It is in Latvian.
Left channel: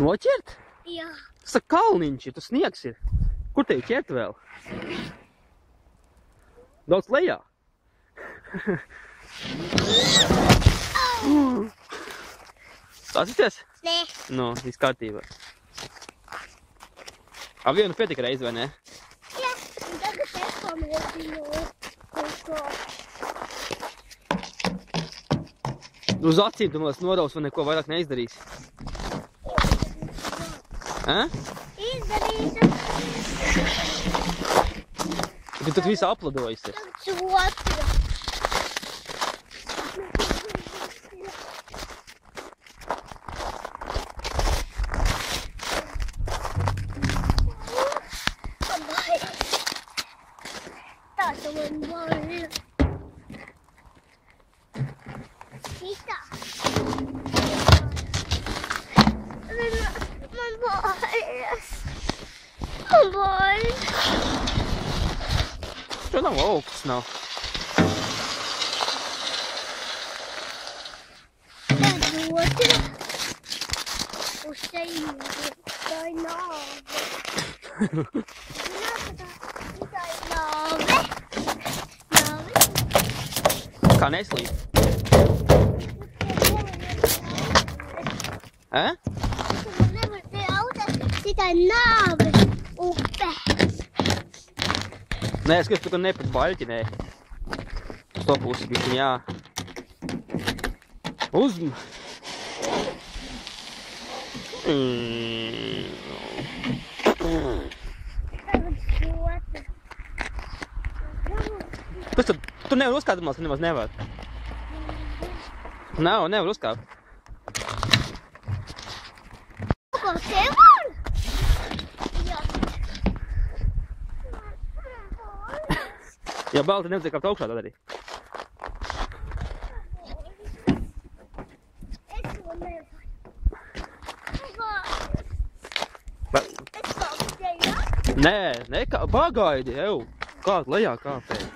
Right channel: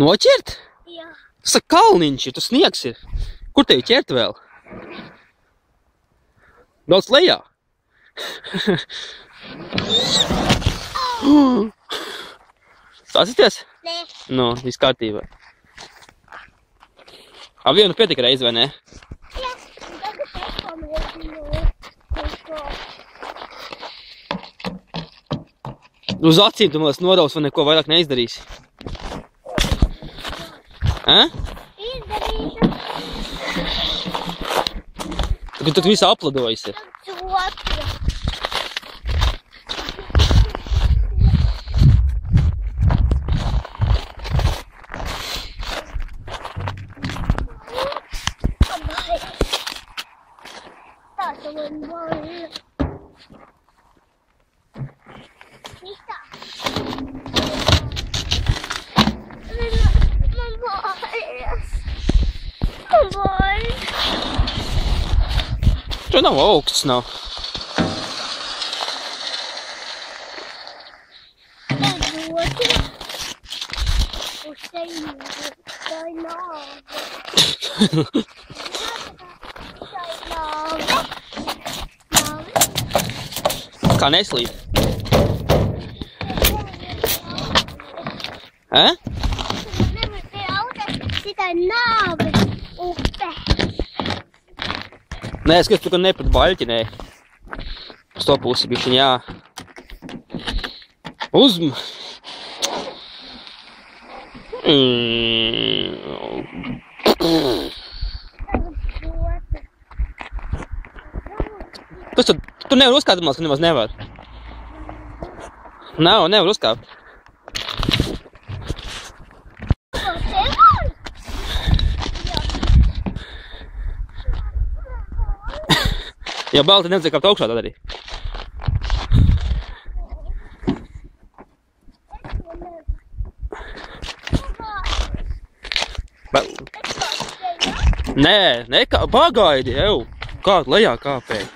Noķert? Jā. Tas ir kalniņš, ja tas sniegs ir. Kur tevi ķert vēl? Daudz lejā. Sāsīties? Nē. Nu, viss kārtībā. Vienu pietika reizi, vai ne? Jā. Tagad es pamēģinu. Uz acīm tu man nodaus, vai neko vairāk neizdarīsi. Izdarīšu. Tad viss apladojas ir. Otru. Tā tu man boli. Šitā. Man boļas. Man boļas. Tur nav augsts, nav. Tad otru. Uz teņu. Tā ir nāve. Tā ir nāve. Nāve. Kā neslīd. Nevar pie auta. Tā ir nāve. Upe. Nē, es skatos, tu gan neprat baļķi, nē. Uz to pusi bišķiņ, jā. Uzm. Kas tad? Tu nevar uzkāpt, ka nemaz nevar. Nevar uzkāpt. Ko te var? Ja bail, tad nevajag kāpt augšā tad arī. Es to nevaru. Nē, pagaidi, jau. Kā lejā kāpēji.